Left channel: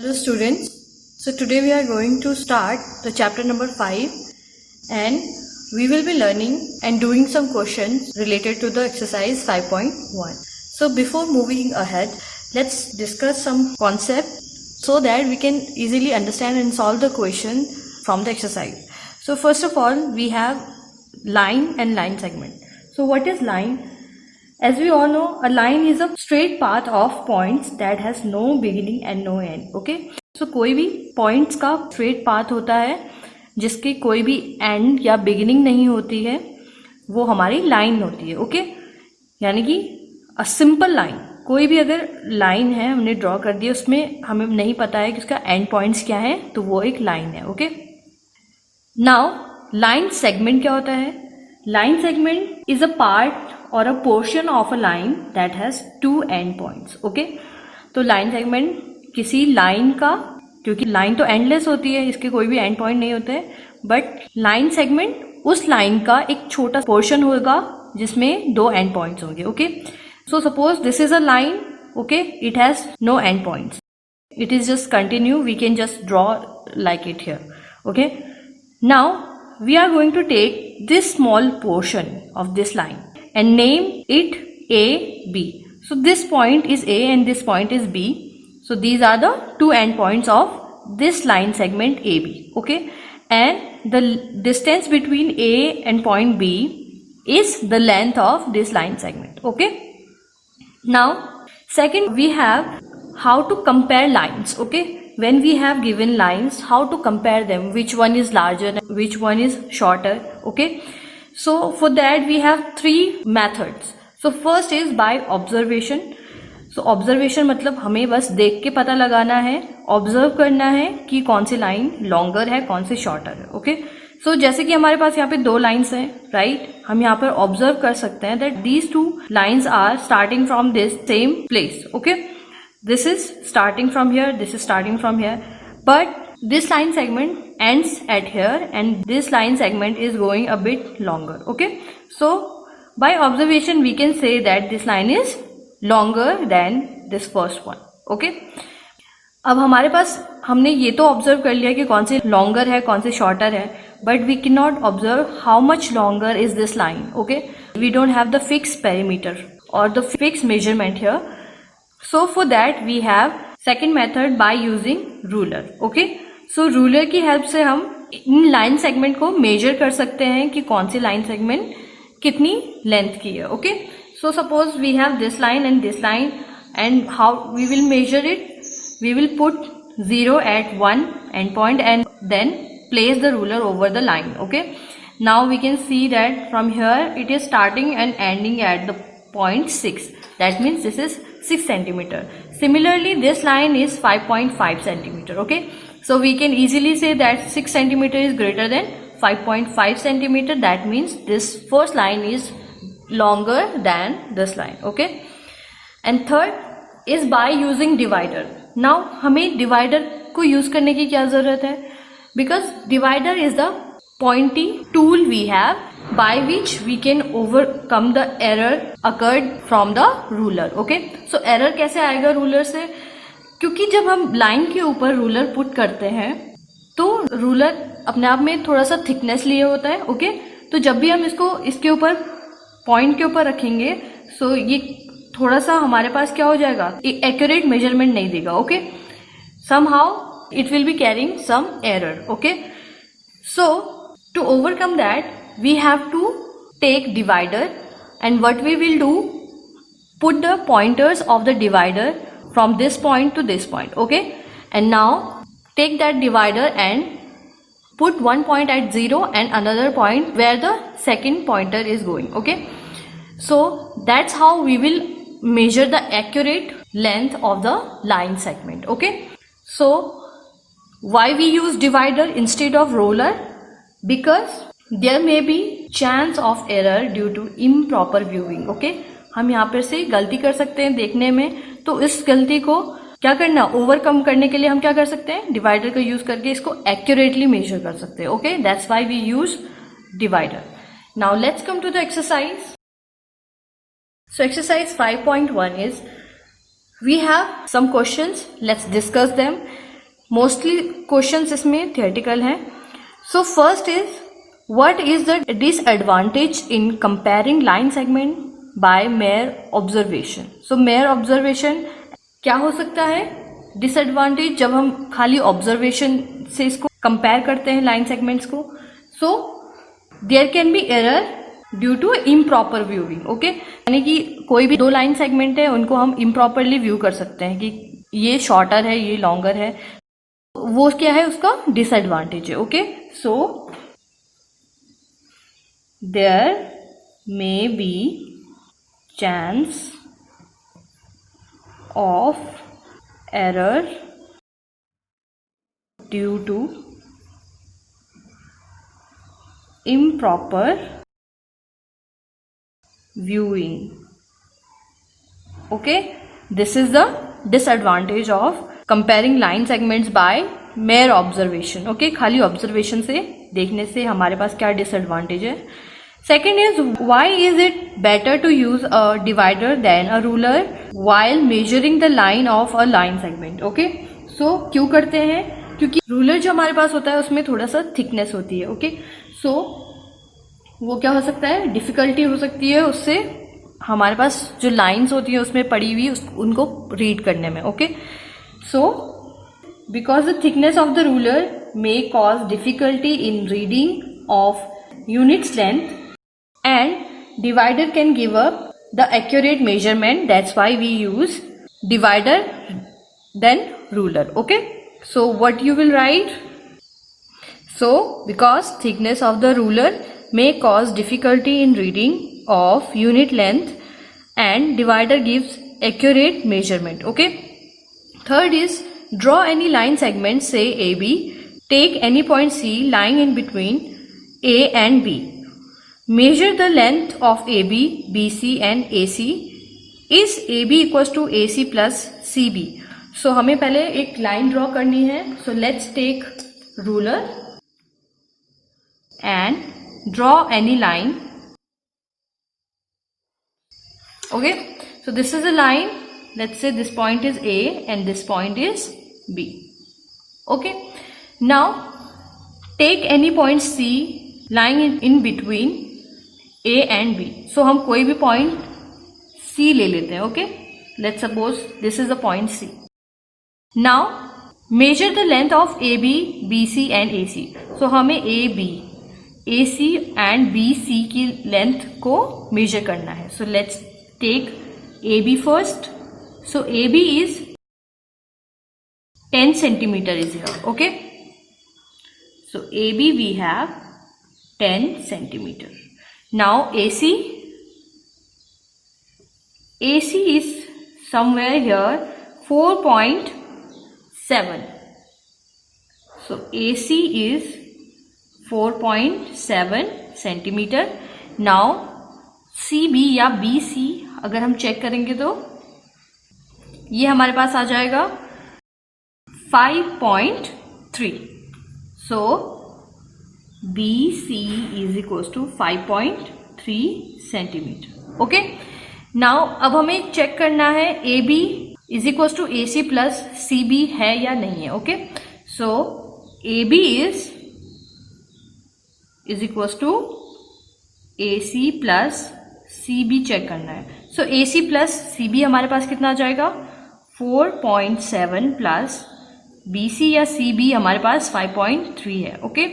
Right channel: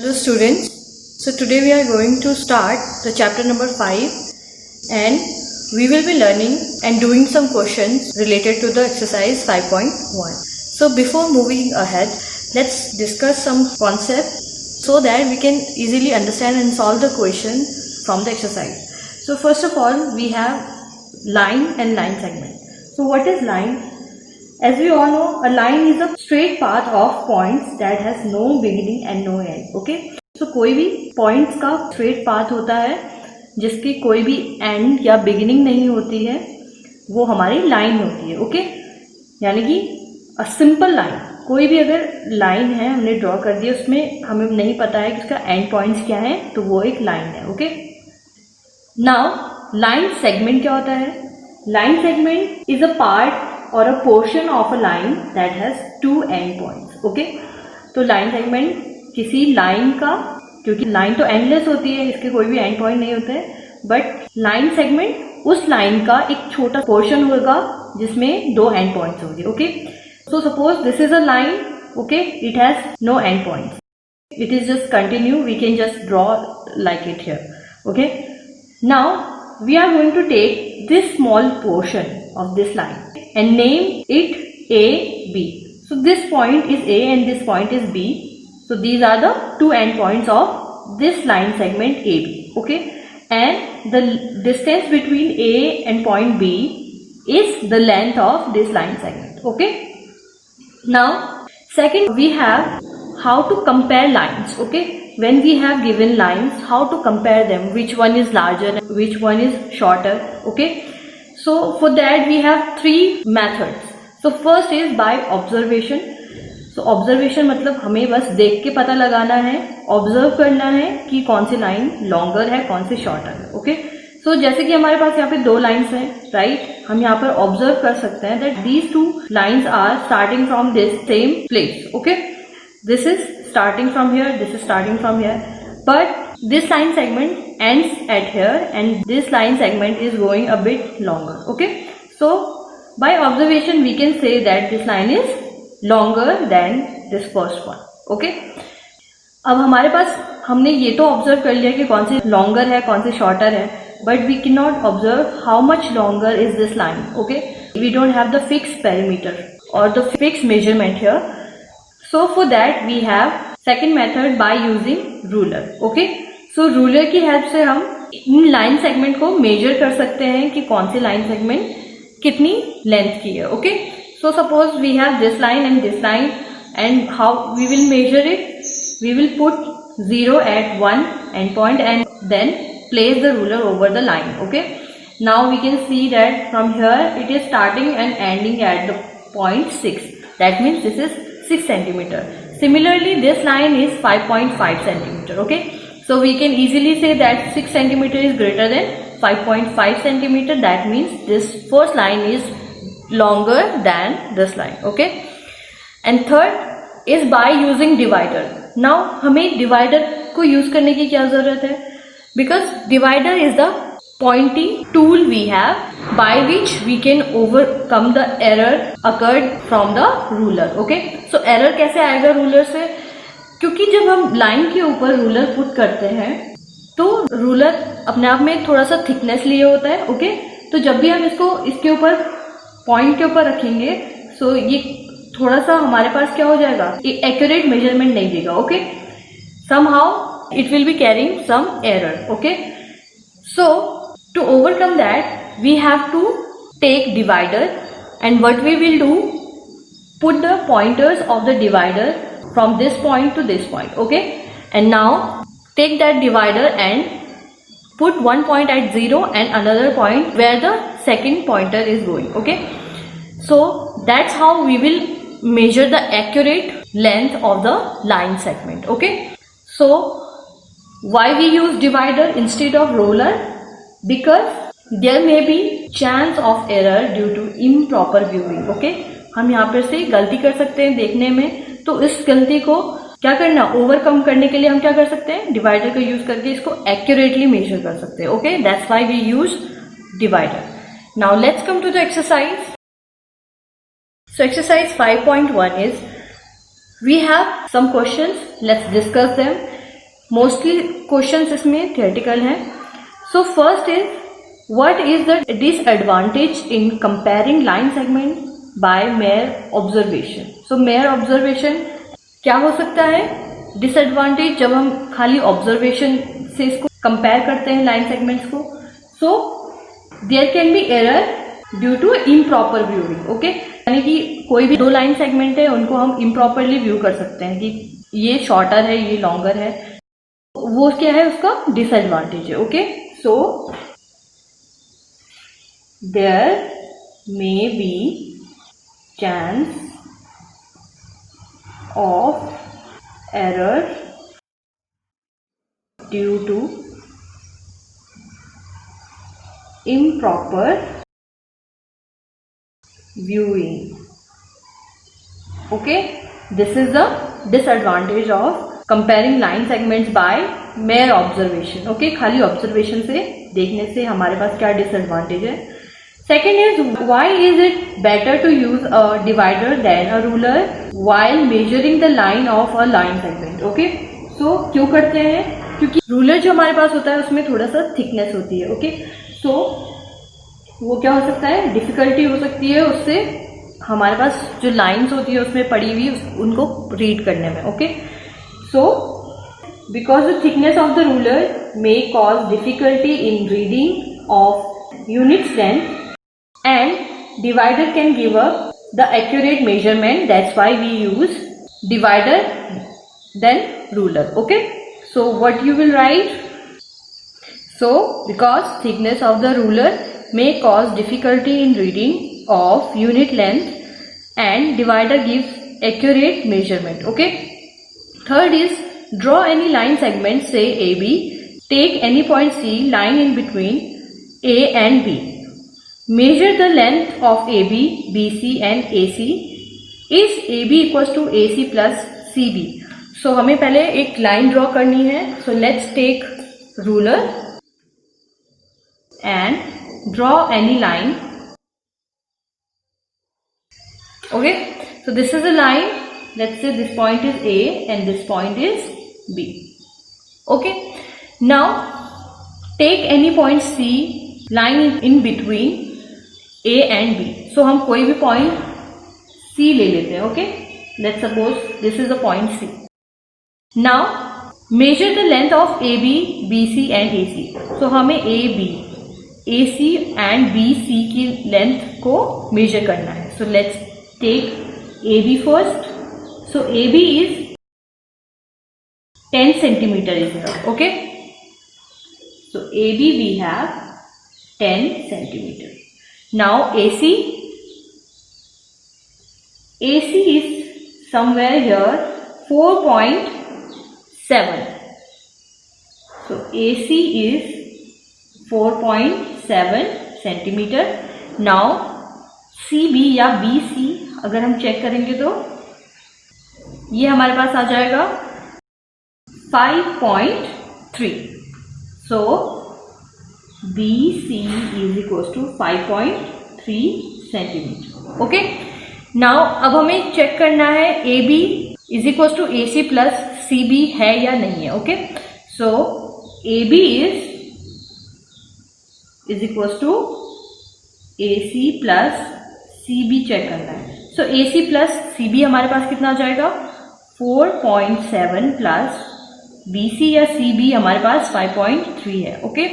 Hello students, so today we are going to start the chapter number 5 and we will be learning and doing some questions related to the exercise 5.1. So before moving ahead, let's discuss some concepts so that we can easily understand and solve the question from the exercise. So first of all, we have line and line segment. So what is line? As we all know, a line is a straight path of points that has no beginning and no end. Okay? So कोई भी points का straight path होता है जिसकी कोई भी end या beginning नहीं होती है, वो हमारी line होती है. Okay? यानी कि a simple line, कोई भी अगर line है हमने draw कर दी, उसमें हमें नहीं पता है कि उसका end points क्या है, तो वो एक line है. Okay? Now line segment क्या होता है? Line segment is a part or a portion of a line that has two end points. Okay? तो line segment किसी line का, क्योंकि line तो endless होती है, इसके कोई भी end point नहीं होते हैं, but line segment उस line का एक छोटा portion होगा जिसमें दो end points होंगे. Okay? So suppose this is a line. Okay? It has no end points. It is just continue. We can just draw like it here. Okay? Now we are going to take this small portion of this line and name it A, B. So this point is A and this point is B. So these are the two end points of this line segment AB. Okay? And the distance between A and point B is the length of this line segment. Okay? Now, second, we have how to compare lines. Okay? When we have given lines, how to compare them, which one is larger and which one is shorter. Okay? So for that we have three methods. So first is by observation. So observation मतलब हमें बस देख के पता लगाना है, observe करना है कि कौन सी लाइन लॉन्गर है, कौन सी शॉर्टर है. ओके? सो जैसे कि हमारे पास यहाँ पे दो लाइन्स हैं, राइट? हम यहाँ पर ऑब्जर्व कर सकते हैं that these two lines are starting from this same place. Okay? This is starting from here, this is starting from here, but this line segment ends at here and this line segment is going a bit longer. Okay? So by observation we can say that this line is longer than this first one. Okay? अब हमारे पास हमने ये तो observe कर लिया कि कौन सी longer है, कौन सी शॉर्टर है, but we can not observe how much longer is this line. Okay? We don't have the fix perimeter or the fix measurement here. So for that we have second method by using ruler. Okay? So ruler की help से हम in line segment को major कर सकते हैं कि कौन सी line segment कितनी लेंथ की है. Okay? So suppose we have this line and how we will measure it? We will put 0 at one end point and then place the ruler over the line. Okay? Now we can see that from here it is starting and ending at the point 6. That means this is 6 centimeter. Similarly, this line is 5.5 centimeter. Okay? So we can easily say that 6 centimeter is greater than 5.5 centimeter. That means this first line is longer than this line. Okay? And third is by using divider. Now हमें divider को use करने की क्या जरूरत है? Because divider is the pointy tool we have by which we can overcome the error occurred from the ruler. Okay? So error कैसे आएगा ruler से? क्योंकि जब हम लाइन के ऊपर रूलर पुट करते हैं तो रूलर अपने आप में थोड़ा सा थिकनेस लिए होता है. ओके? तो जब भी हम इसको इसके ऊपर पॉइंट के ऊपर रखेंगे सो ये थोड़ा सा हमारे पास क्या हो जाएगा, एक एक्यूरेट मेजरमेंट नहीं देगा. Okay? Somehow it will be carrying some error. Okay? So to overcome that we have to take divider and what we will do, put the pointers of the divider from this point to this point. Okay? And now take that divider and put one point at 0 and another point where the second pointer is going. Okay? So that's how we will measure the accurate length of the line segment. Okay? So why we use divider instead of ruler? Because there may be chance of error due to improper viewing. Okay? हम यहाँ पर से गलती कर सकते हैं देखने में, तो इस गलती को क्या करना, ओवरकम करने के लिए हम क्या कर सकते हैं, डिवाइडर का यूज करके इसको एक्यूरेटली मेजर कर सकते हैं. Okay? That's why we use divider. Now let's come to the exercise. So exercise 5.1 is we have some questions. Let's discuss them. Mostly questions इसमें थियोरेटिकल हैं. So first is what is the disadvantage in comparing line segment by mere observation. So mere observation क्या हो सकता है disadvantage जब हम खाली observation से इसको कंपेयर करते हैं लाइन सेगमेंट्स को. So there can be error due to improper viewing. Okay, यानी कि कोई भी दो लाइन सेगमेंट है उनको हम इम्प्रॉपरली व्यू कर सकते हैं कि ये शॉर्टर है ये लॉन्गर है. वो क्या है उसका डिसएडवांटेज है. Okay, so there may be chance of error due to improper viewing. Okay, this is the disadvantage of comparing line segments by mere observation. Okay, खाली observation से देखने से हमारे पास क्या disadvantage है. Second is why is it better to use a divider than a ruler while measuring the line of a line segment. Okay, so क्यों करते हैं, क्योंकि रूलर जो हमारे पास होता है उसमें थोड़ा सा थिकनेस होती है. ओके, सो वो क्या हो सकता है, डिफिकल्टी हो सकती है उससे हमारे पास जो लाइंस होती है उसमें पड़ी हुई उनको रीड करने में. Okay, so because the thickness of the ruler may cause difficulty in reading of units length and divider can give a the accurate measurement. That's why we use divider then ruler. Okay, so what you will write. So, because thickness of the ruler may cause difficulty in reading of unit length and divider gives accurate measurement. Okay. Third is draw any line segment, say AB. Take any point C lying in between A and B. Measure the length of AB, BC and AC. Is AB equals to AC plus CB? So, हमें पहले एक line draw करनी है. So, let's take ruler and draw any line. Okay, so this is a line. Let's say this point is A and this point is B. Okay, now take any point C lying in between A and B. So हम कोई भी point C ले लेते हैं. Okay, let's suppose this is the point C. Now measure the length of AB, BC and AC. So हमें AB, AC and BC की length को measure करना है. So let's take AB first. So AB is 10 centimetre is equal. Okay, so AB we have 10 centimetre. Now AC is somewhere here 4.7. So AC is 4.7 centimetre. Now CB या BC अगर हम check करेंगे तो ये हमारे पास आ जाएगा 5.3. So BC is equal to 5.3 centimetre. Okay, now अब हमें चेक करना है AB is equal to AC plus CB है या नहीं है. Okay, so AB is equal to AC plus CB check करना है. सो AC प्लस CB हमारे पास कितना आ जाएगा 4.7 प्लस BC या CB हमारे पास 5.3 है. ओके,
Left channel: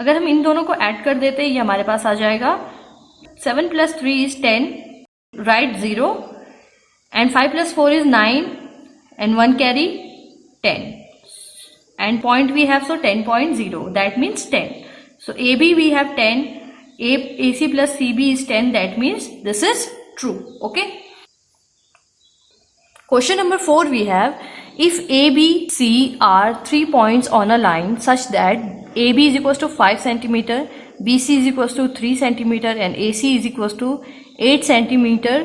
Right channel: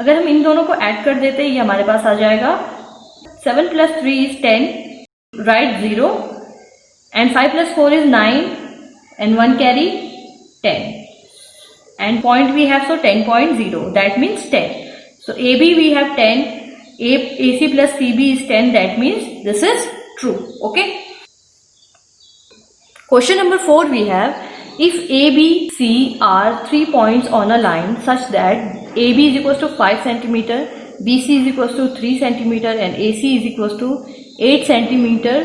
अगर हम इन दोनों को ऐड कर देते हैं ये हमारे पास आ जाएगा 7 plus 3 is 10, right 0 and 5 plus 4 is 9 and 1 carry 10 and point we have, so 10.0, that means 10. So AB we have 10, AC plus CB is 10, that means this is true. Okay. Question number 4 we have, if A, B, C are 3 points on a line such that AB is equals to 5 centimeter, BC is equals to 3 centimeter and AC is equals to 8 centimeter,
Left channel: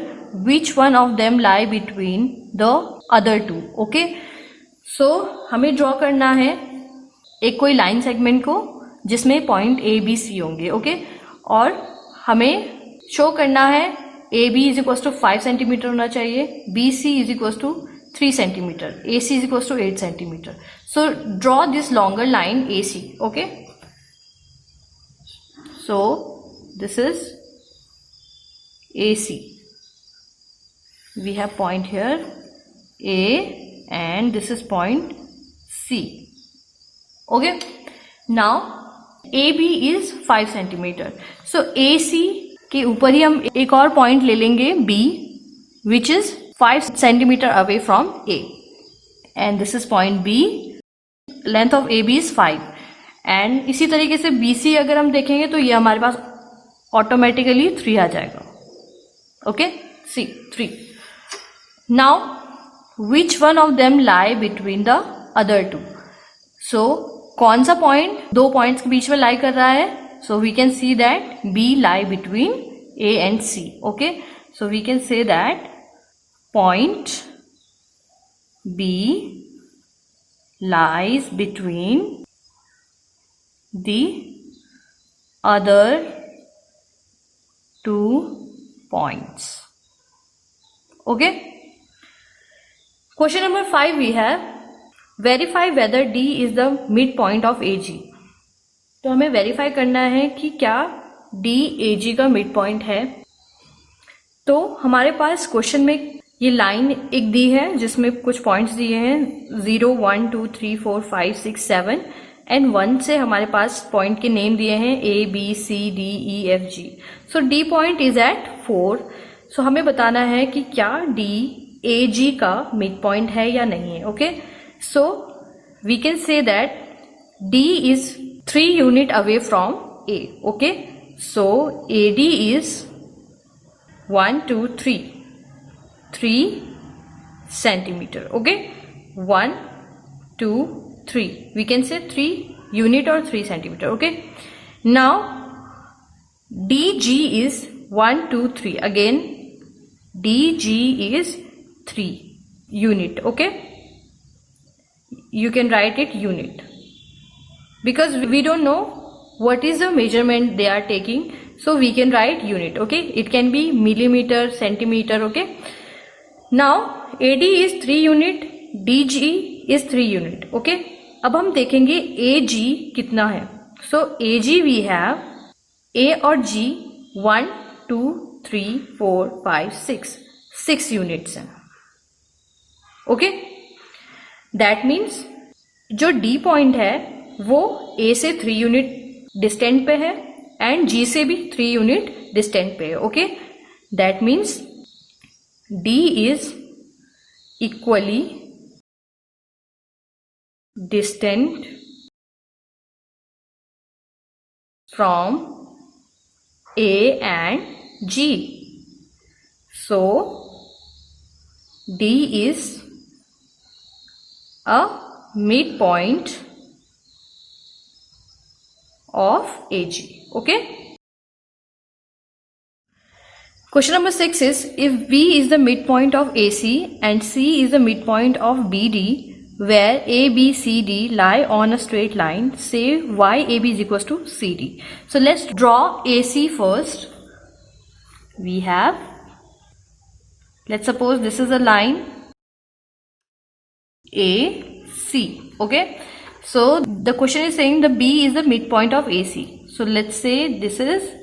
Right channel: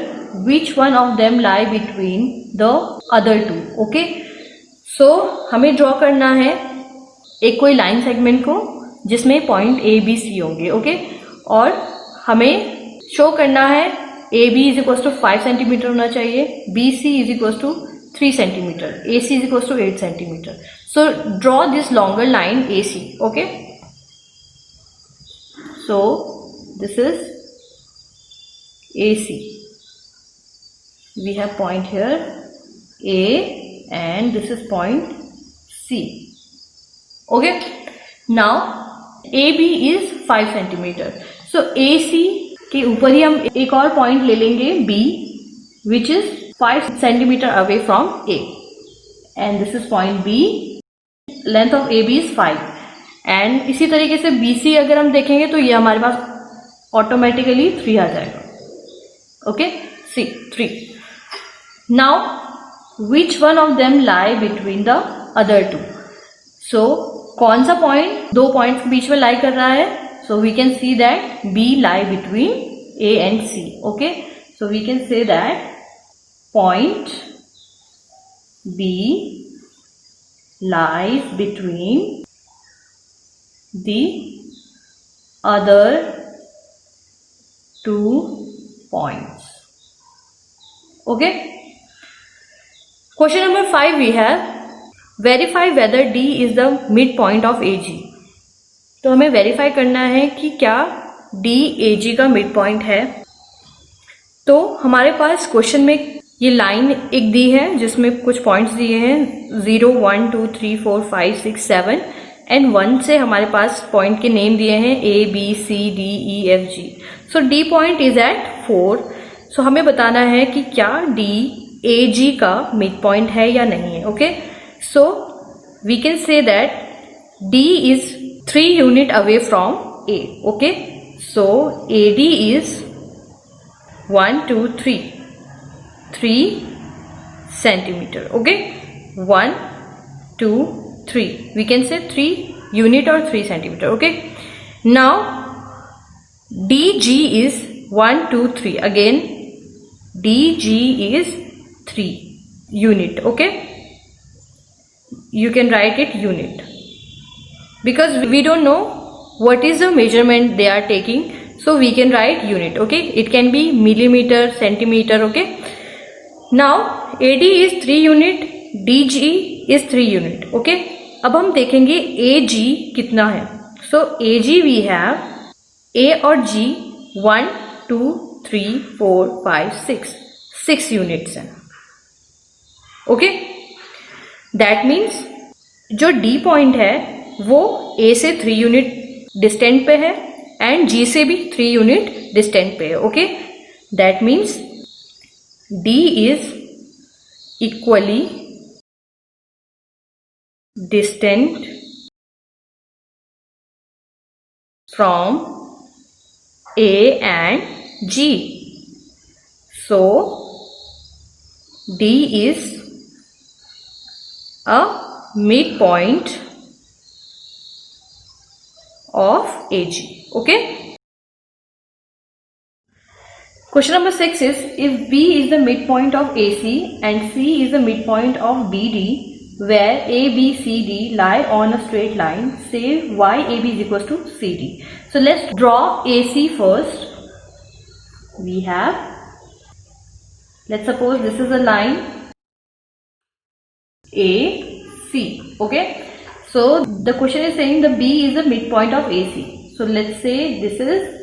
which one of them lie between the other two? Okay. So हमें draw करना है एक कोई line segment को जिसमें point A B C होंगे. Okay, और हमें शो करना है A B is equal to 5 centimetre होना चाहिए, B C is equal to 3 centimeter. AC is equals to 8 centimeter. So draw this longer line AC. Okay. So this is AC. We have point here A and this is point C. Okay. Now AB is 5 centimeter. So AC के ऊपर ही हम एक और point ले लेंगे B, which is 5 centimeter away from A, and this is point B. Length of AB is 5. And इसी तरीके से BC अगर हम देखेंगे तो ये हमारे पास ऑटोमेटिकली 3 आ जाएगा. Okay, C 3. Now which one of them lie between the other two? So कौन सा पॉइंट दो पॉइंट्स के बीच में लाई कर रहा है? So we can see that B lie between A and C. Okay, so we can say that point B lies between the other two points. Okay. Question number 5 we have verify whether D is the midpoint of AG. तो हमें verify करना है कि क्या D AG का midpoint है. तो हमारे पास क्वेश्चन में ये लाइन एक दी है जिसमें कुछ पॉइंट्स दिए हैं 0, 1, 2, 3, 4, 5, 6, 7 एंड 1 से हमारे पास पॉइंट के नेम दिए हैं A, B, C, D, E, F, G. So D point is at 4. So हमें बताना है कि क्या D AG का मिड पॉइंट है या नहीं है. Okay, so we can say that D is 3 unit away from A. Okay, so AD is 1, 2, 3 centimeter. Okay, 1, 2, 3. We can say 3 unit or 3 centimeter. Okay, now DG is 1, 2, 3. Again, DG is 3 unit. Okay, you can write it unit. Because we don't know what is the measurement they are taking, so we can write unit. Okay, it can be millimeter, centimeter. Okay, now AD is 3 unit, DG is 3 unit. Okay, अब हम देखेंगे AG कितना है. So AG we have A और G 1, 2, 3, 4, 5, 6 units हैं. Okay, that means जो D point है वो A से 3 यूनिट डिस्टेंट पे है एंड G से भी 3 यूनिट डिस्टेंट पे है. Okay, that means D is equally distant from A and G. So D is a midpoint of AG. Okay. Question number 6 is if B is the midpoint of AC and C is the midpoint of BD, where A, B, C, D lie on a straight line, say YAB is equals to CD. So let's draw AC first. We have, let's suppose this is a line AC. Okay. So the question is saying the B is the midpoint of AC. So let's say this is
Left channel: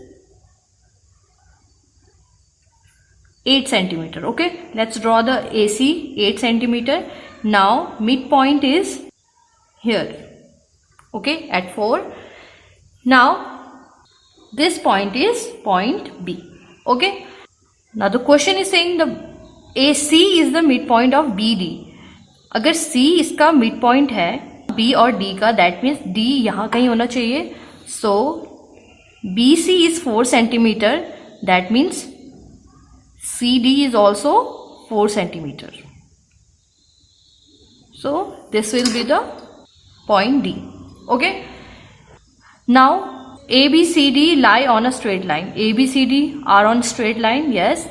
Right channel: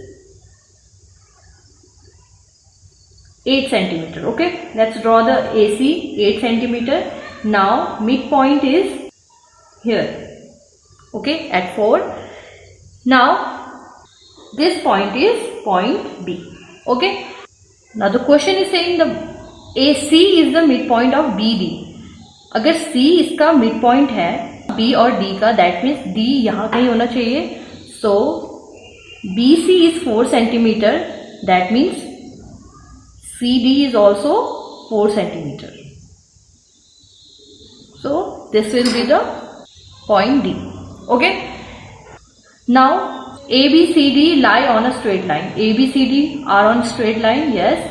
8 centimeter. Okay, let's draw the AC 8 centimeter. Now midpoint is here. Okay, at 4. Now this point is point B. Okay, now the question is saying the AC is the midpoint of BD. अगर C इसका midpoint है B और D का, that means D यहाँ कहीं होना चाहिए. सो BC is 4 centimetre, that means CD is also 4 centimeter. So this will be the point D. Okay. Now ABCD lie on a straight line. ABCD are on straight line. Yes.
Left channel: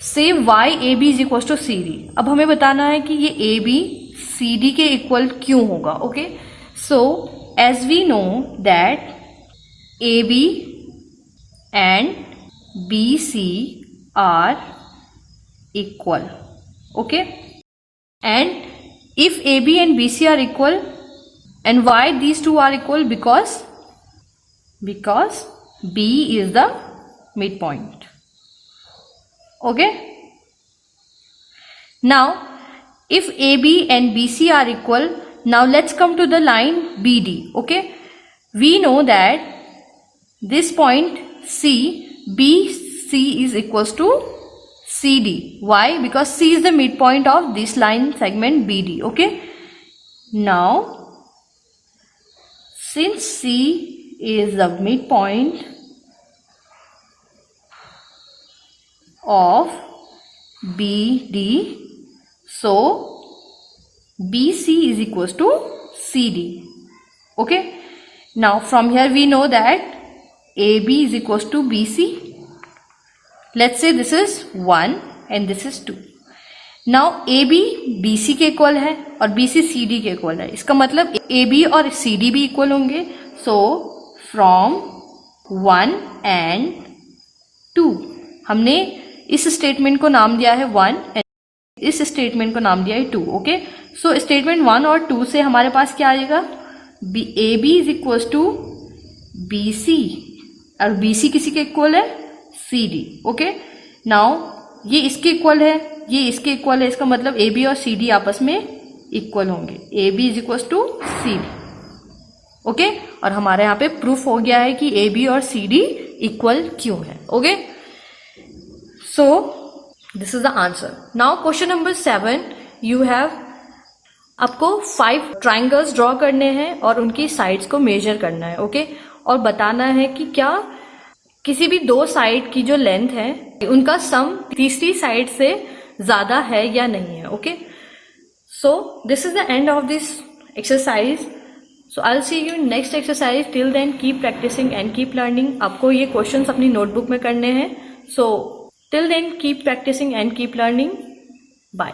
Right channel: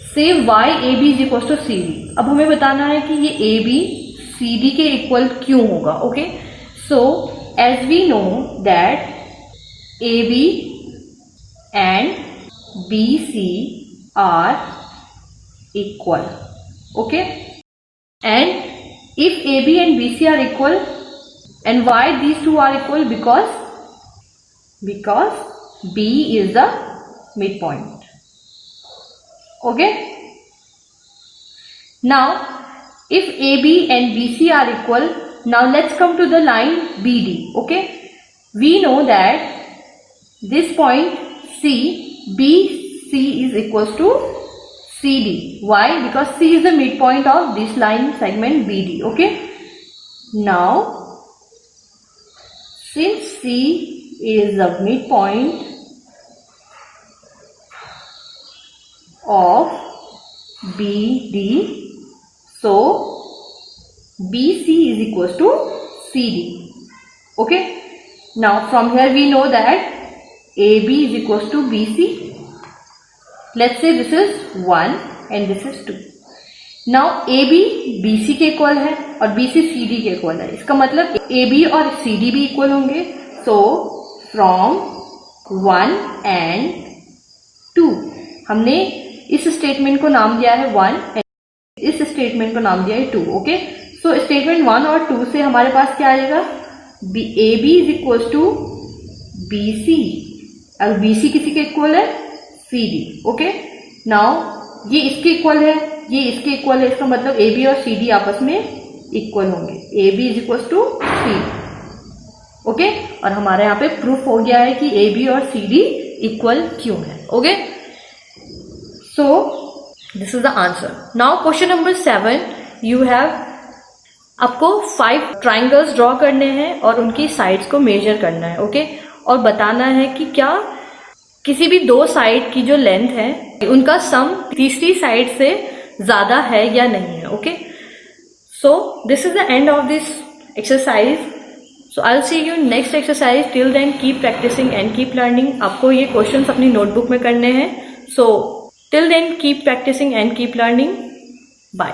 Say YAB is equals to CD. अब हमें बताना है कि ये AB CD के equal क्यों होगा. Okay, so as we know that AB and BC are equal. Okay, and if AB and BC are equal, and why these two are equal? Because B is the midpoint. Okay, now if AB and BC are equal, now let's come to the line BD. Okay, we know that this point C, BC is equals to CD. Why? Because C is the midpoint of this line segment BD. Okay, now since C is the midpoint of BD, so BC is equals to CD. Okay, now from here we know that AB is equals to BC. Let's say this is 1 and this is 2. Now AB BC के equal है और BC CD के equal है. इसका मतलब AB और CD भी equal होंगे. So from 1 and 2 हमने इस स्टेटमेंट को नाम दिया है 1 and इस स्टेटमेंट को नाम दिया है 2. ओके, सो स्टेटमेंट 1 और 2 से हमारे पास क्या आएगा? AB is equal to BC और BC किसी के इक्वल है? CD. ओके, नाउ ये इसके इक्वल है, ये इसके इक्वल है. इसका मतलब AB और CD आपस में इक्वल होंगे. AB is equal to CD. Okay, और हमारे यहाँ पे प्रूफ हो गया है कि AB और CD इक्वल क्यों है. Okay, so this is the answer. Now question number 7, you have, आपको 5 ट्राइंगल्स ड्रॉ करने हैं और उनकी साइड्स को मेजर करना है. ओके, और बताना है कि क्या किसी भी 2 साइड की जो लेंथ है उनका सम तीसरी साइड से ज्यादा है या नहीं है. Okay, so this is the end of this exercise. So I will see you next exercise. Till then keep practising and keep learning. आपको ये क्वेश्चंस अपनी नोटबुक में करने हैं. So till then keep practising and keep learning. Bye.